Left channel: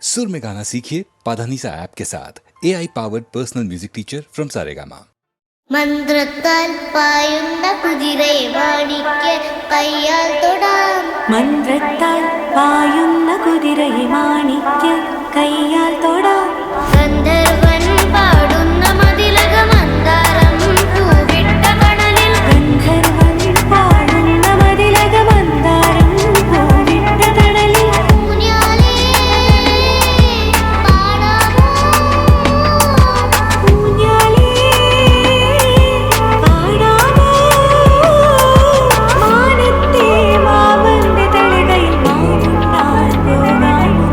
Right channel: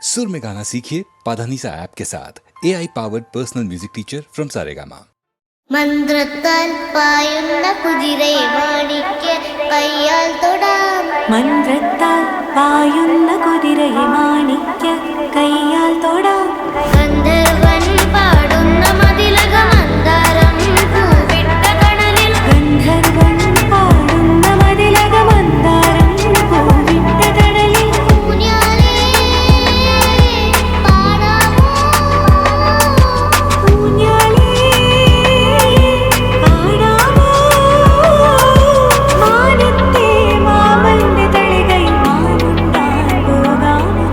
सुर में गाना सीखिए पाधानीसा ऐप के साथ AI powered personal music teacher from Saregama. മന്ത്രത്താൽ പായുന്ന കുതിരയെ മാണിക്യ കയ്യാൽ തൊടാം. മന്ത്രത്താൽ പായുന്ന കുതിരയെ മാണിക്യ കയ്യാൽ തൊടാം. ഗന്ധർവൻ പാടുന്ന മതിലക മന്ദാരം പൂവിട്ട കടലിൽ. ഗന്ധർവൻ പാടുന്ന മതിലക മന്ദാരം പൂവിട്ട കടലിൽ. ഊഞ്ഞാലേ പാടാമോ, ഊഞ്ഞാലേ പാടാമോ. മാനത്തെ മാവന്റെ തളികയിൽ മാവുണ്ടാൻ പോകാമോ.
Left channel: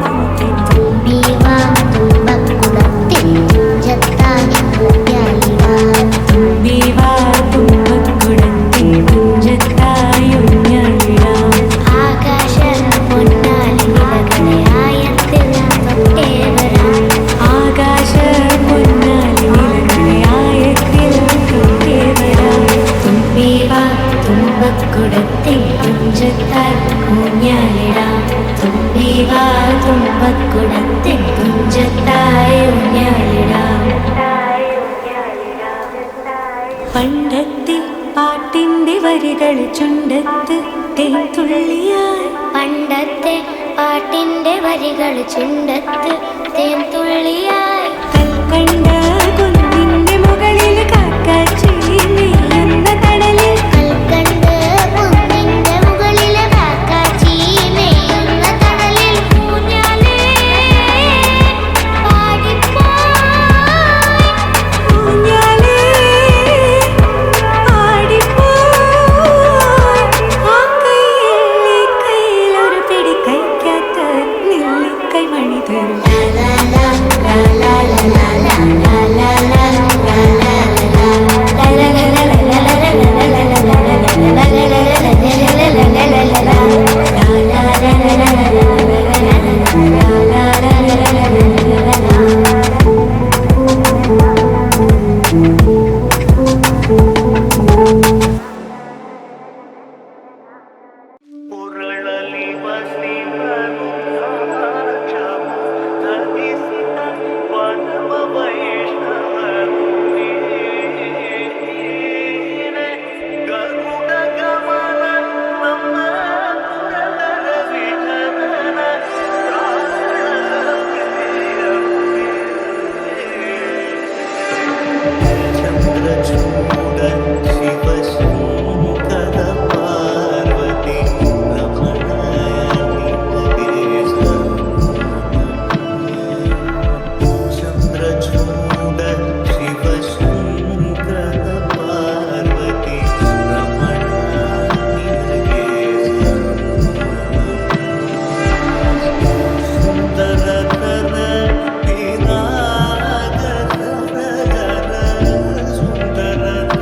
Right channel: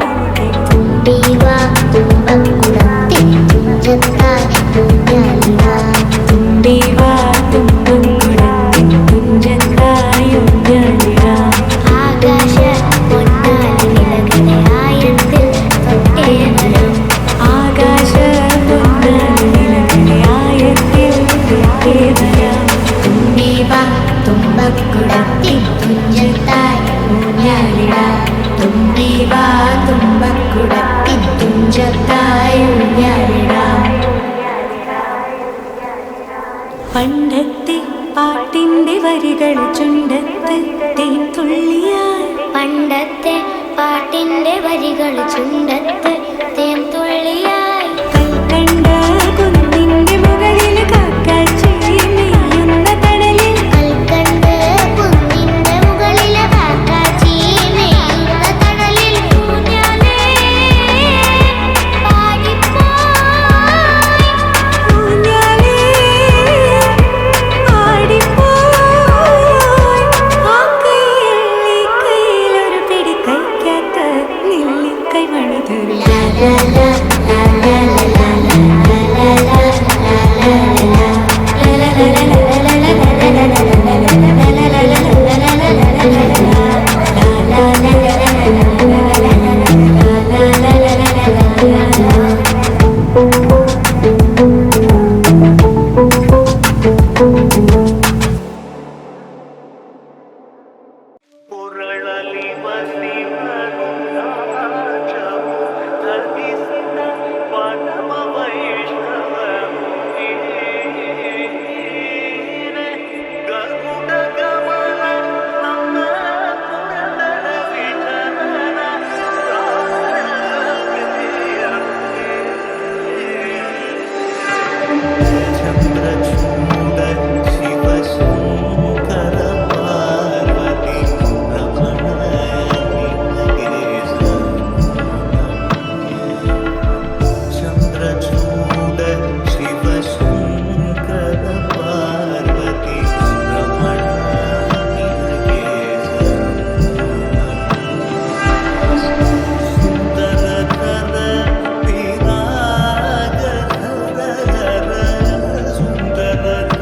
തുമ്പി വാ തുമ്പക്കുളത്തിൽ തുഞ്ചത്തായി ഊഞ്ഞാലിടാം. തുമ്പി വാ തുമ്പക്കുടത്തിൻ തുഞ്ചത്തായി ഊഞ്ഞാലിടാം. ആകാശ പൊന്നാലി നിലകളെ ആയത്തിൽ തൊട്ടേ വരാം. ആകാശ പൊന്നാലി നിലകളെ ആയത്തിൽ തൊട്ടേ വരാം. തുമ്പി വാ തുമ്പക്കുടത്തിൻ തുഞ്ചത്തായി ഊഞ്ഞാലിടാം. തുമ്പി വാ തുമ്പക്കുടത്തിൻ തുഞ്ചത്തായി ഊഞ്ഞാലിടാം. പണ്ടത്തെ പാട്ടിന്റെ വരികൾ ചുണ്ടത്ത് തേൻ തുള്ളിയായി. പണ്ടത്തെ പാട്ടിന്റെ വരികൾ ചുണ്ടത്ത് തേൻ തുള്ളിയായി. കൽക്കണ്ട കുന്നിന്റെ മുകളിൽ കാക്കാച്ചി നെയ്യുന്ന തണലിൽ. കൽക്കണ്ട് കുന്നിന്റെ മുകളിലെ കാക്കാച്ചി മേയുന്ന തണലിൽ. ഊഞ്ഞാലേ പാടിപ്പോയി, ഊഞ്ഞാലേ ആടിപ്പോയി. ആ കയ്യിൽ ഈ കയ്യിലൊരു പിടി കൈക്കാത്ത നെല്ലിക്കൈ മണി തരും. ಉರಳಲಿ ಬಸಿವನು ದ್ರಾಕ್ಷವು ಧರಿಸಿದ ಪರಮ ವೈಷ್ಣವನು ವೀರೆ. ಗರುಡ ಗಮನ ನಮ್ಮ ಪುರಂದರ ವಿಠಲನ ಪ್ರಾಣ ಪ್ರಿಯನು ಚಂದ್ರಚೂಡ ಶಿವಶಂಕರ ಪಾರ್ವತಿ ರಮಣ ನಿನಗೆ ಚಂದ್ರಚೂಡ ಶಿವಶಂಕರ ಪಾರ್ವತಿ ರಮಣ ನಿನಗೆ ಸುಂದರತರ ಪಿನಾಗಧರ ಸುಂದರತರ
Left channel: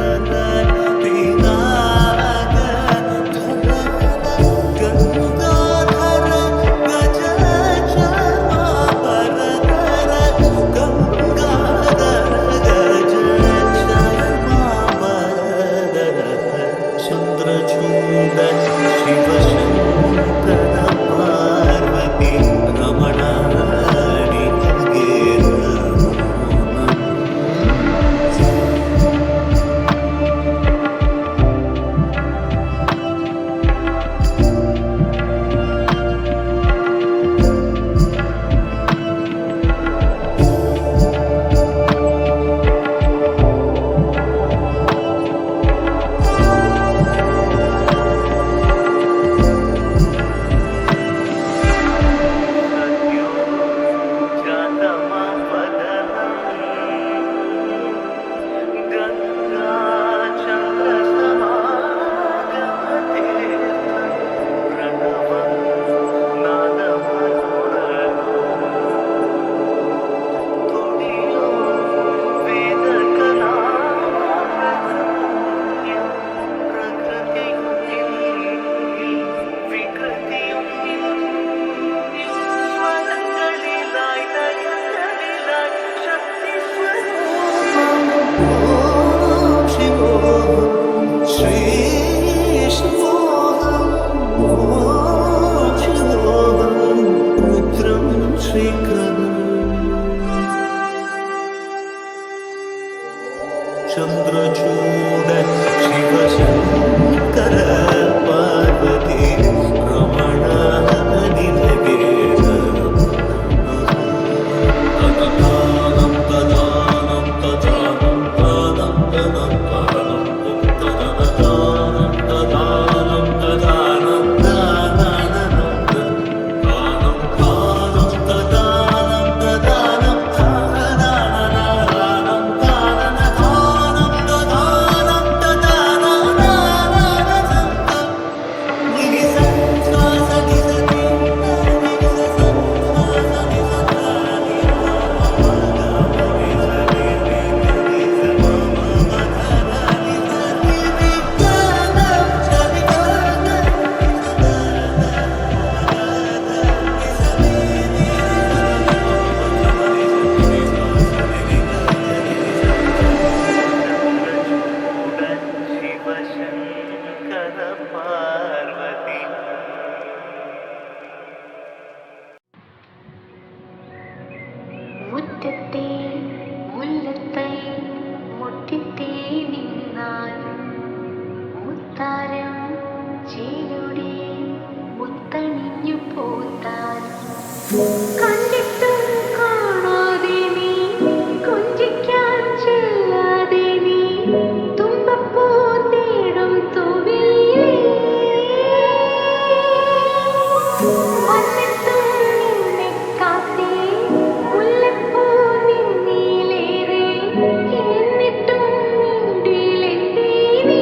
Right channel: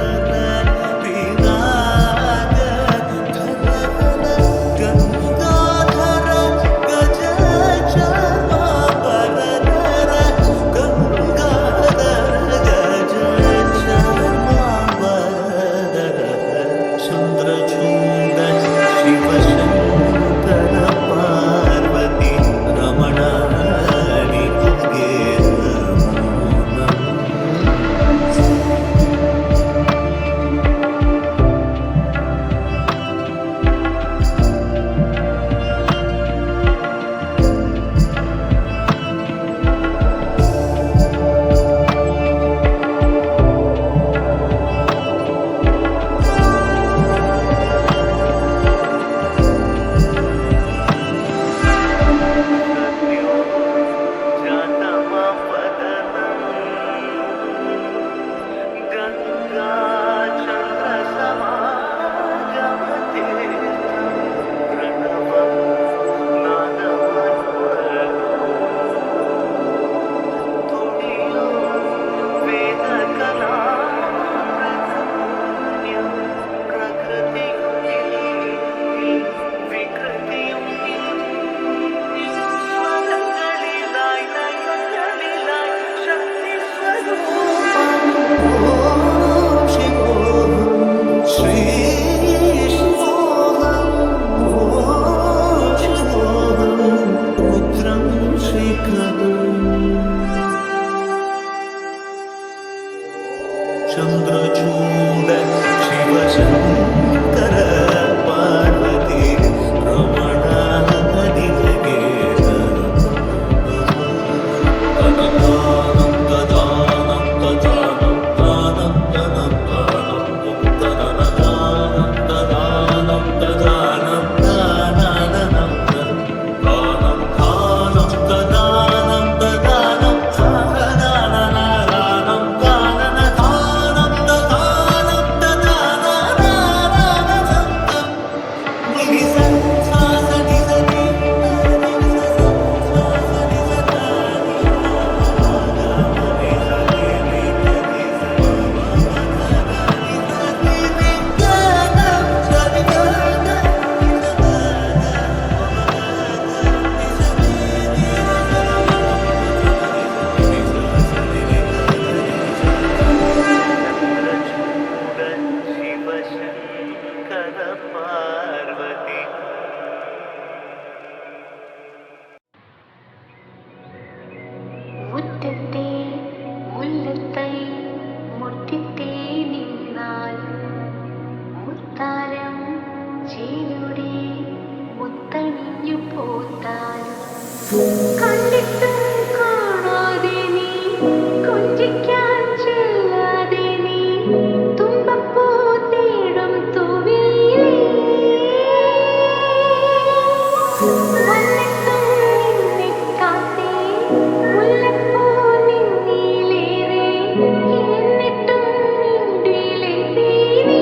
ಶಿಖರಂ ಚಂದ್ರಚೂಡ ಶಿವಶಂಕರ ಪಾರ್ವತಿ ರಮಣ ನಿನಗೆ ಶಿವಶಂಕರ ಪಾರ್ವತಿ മുറ്റത്തെ മുല്ലത്തൈ മുട്ടിത്തേ നിന്നാൽ മുത്താരം ചേലുടെ മുത്തണിഞ്ഞു പോത്താലും കണ്ടിട്ടും കാണാതെ നീ കൊഞ്ചിക്കാൻ ചെല്ലാതെ നീ തുമ്പപ്പൂ തേടും തൂവിലേ വന്നിട്ടും നിന്നെ കാത്തേ മുല്ലപ്പൂ നിന്നിലേറെ എന്നിട്ടും നിന്നിലെന്തേ നീ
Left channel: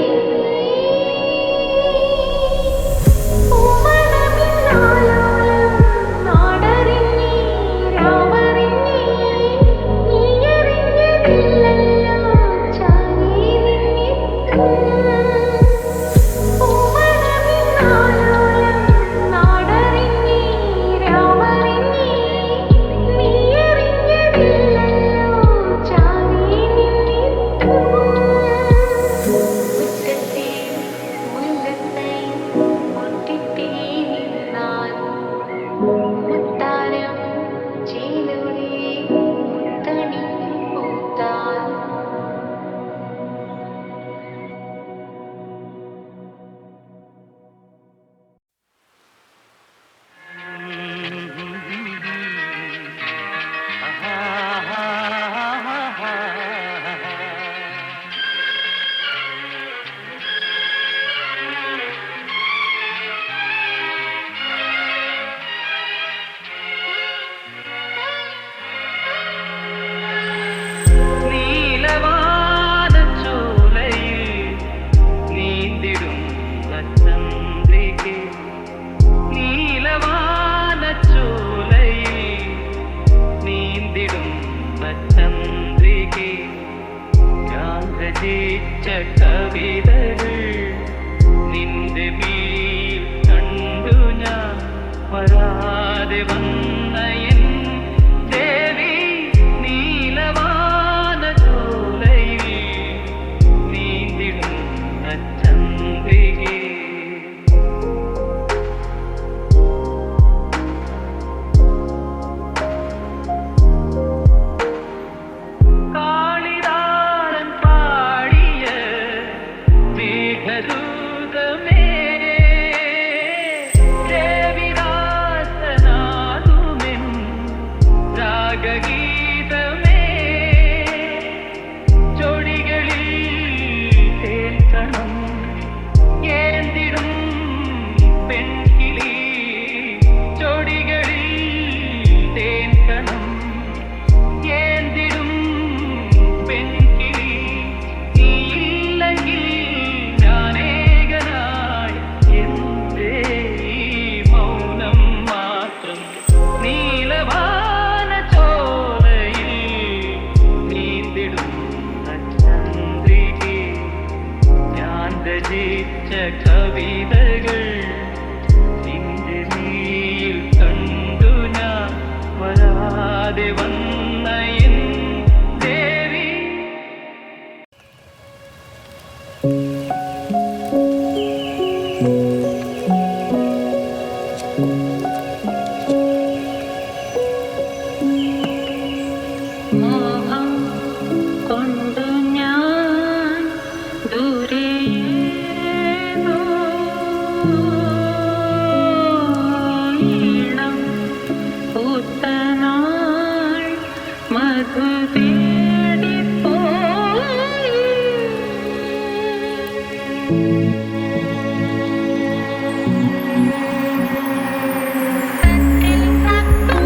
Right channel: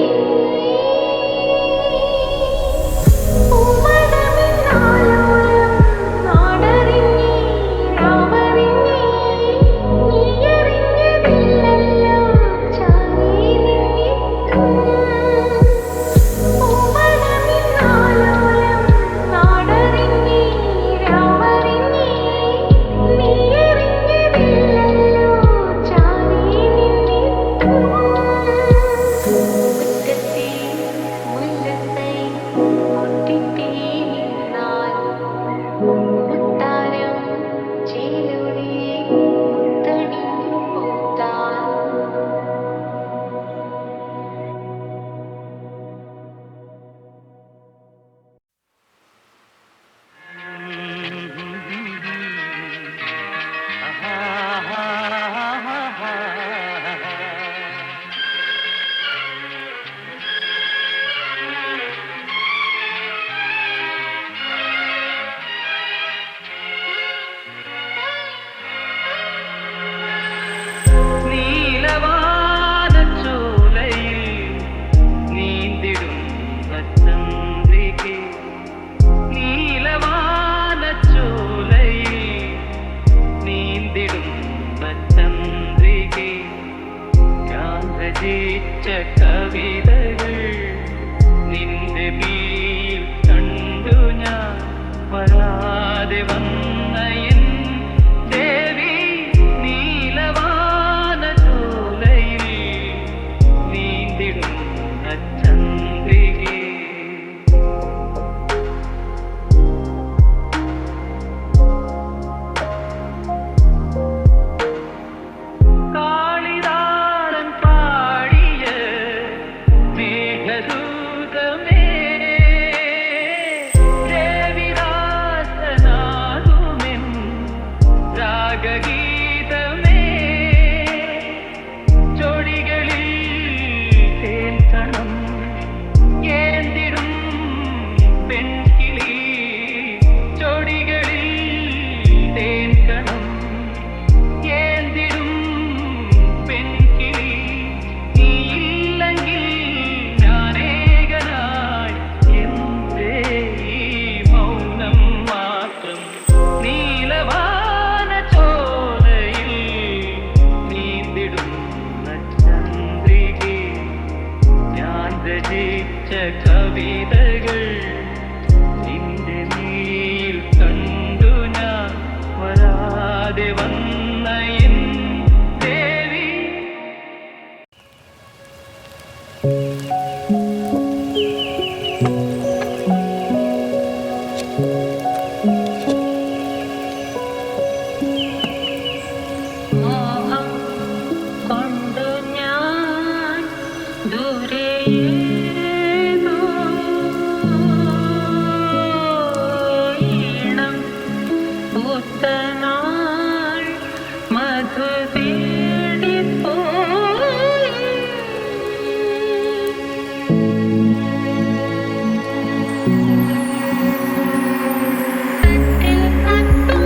പൂമണമിന്നാലോലം നാടറിഞ്ഞേ രാവറിഞ്ഞേ നീയറിഞ്ഞതില്ലല്ലോ ചാരി നിന്നിട്ടും പൂമണമിന്നാലോലം നാടറിഞ്ഞേ രാവറിഞ്ഞേ നീയറിഞ്ഞതില്ലല്ലോ ചാരി നിന്നിട്ടും മുറ്റത്തെ മുല്ലത്തൈ മുട്ടിത്തേ നിന്നാൽ മുത്താരം ചേലുടെ മുത്തണിഞ്ഞു പൂത്താൽ നീലവാനച്ചോലയിൽ നീന്തിടും ചന്ദ്രികേ നീലവാനച്ചോലയിൽ നീന്തിടും ചന്ദ്രികേ ഞാൻ രചിച്ച കവിതകൾ നിന്റെ മേൽ കണ്ടു ഞാൻ വരാതെ വന്ന എൻ ദേവി നീലവാനച്ചോലയിൽ നീന്തിടും ചന്ദ്രികേ കാളിദാസൻ പാടിയ മേഘദൂതമേ ദേവിദാസനാകുമെൻ രാഗഗീതമേ ചൊടികളിൽ തേൻകണം ഏന്തിടും പെൺകിളി ചൊടികളിൽ തേൻകണം ഏന്തിടും പെൺകിളി നീയില്ലെങ്കിൽ ഞാനേകനായി എന്തേ ഈ മൗനം മാത്രം നീലവാനച്ചോലയിൽ നീന്തിടും ചന്ദ്രികേ ഞാൻ രചിച്ച കവിതകൾ നിന്റെ മേൽ കണ്ടു ഞാൻ വരാതെ വന്ന എൻ ദേവി മോഹം കൊണ്ടു ഞാൻ ദൂരെയേതോ ഈണം പൂത്തനാൾ മധു തേടിപ്പോയി കട്ടിൽ കത്തും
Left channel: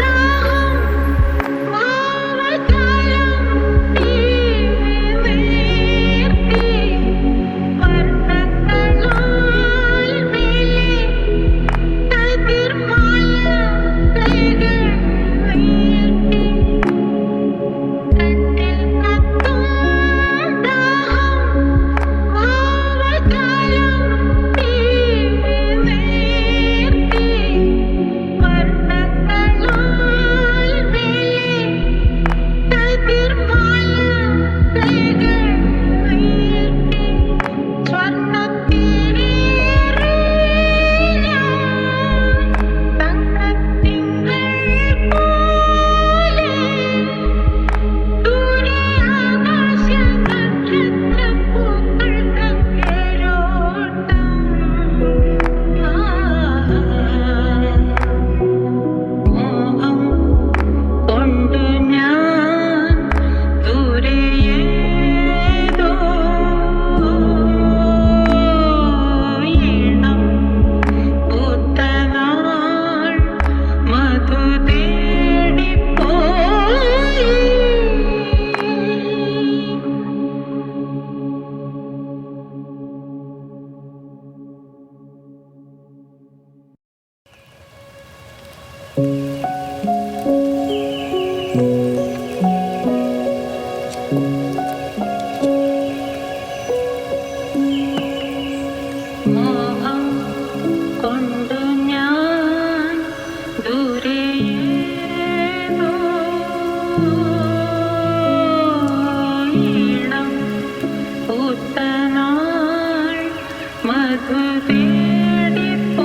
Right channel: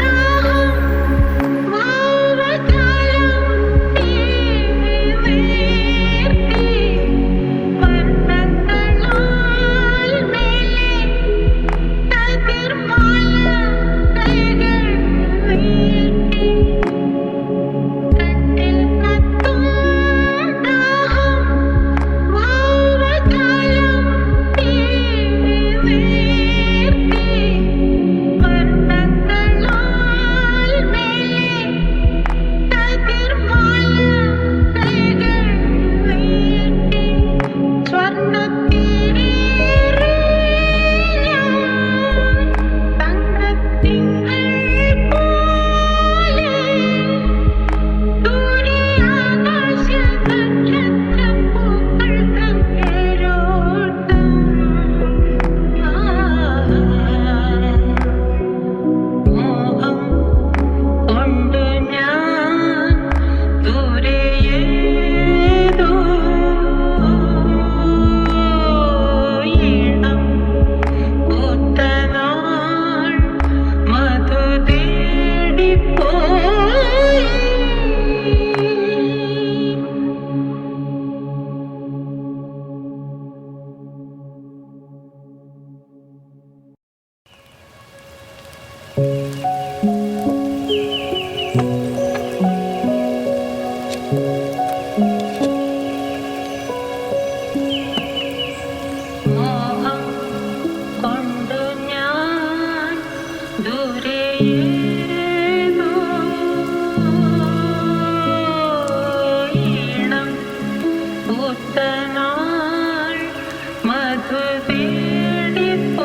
ദാഹം വാവജാലം തീർത്തി വർണ്ണങ്ങളാൽ മേലെ കതിർമാല കൈകൾ വീഴ്ത്തി കട്ടിൽ കത്തും ദാഹം വാവജാലം തീർത്തി വർണ്ണങ്ങളാൽ മേലെ കതിർമാല കൈകൾ വീഴ്ത്തി സ്വർണ്ണത്തിനേറി ഞാൻ തങ്കത്തിങ്കൾ പോലെ ദൂരെ ആകാശ നക്ഷത്രപ്പൂക്കൾ തേരോട്ടം മോഹം കൊണ്ടു ഞാൻ ദൂരെയേതോ ഈണം പൂത്തനാൾ മധു തേടിപ്പോയി മോഹം കൊണ്ടു ഞാൻ ദൂരെയേതോ ഈണം പൂത്തനാൾ മധു തേടിപ്പോയി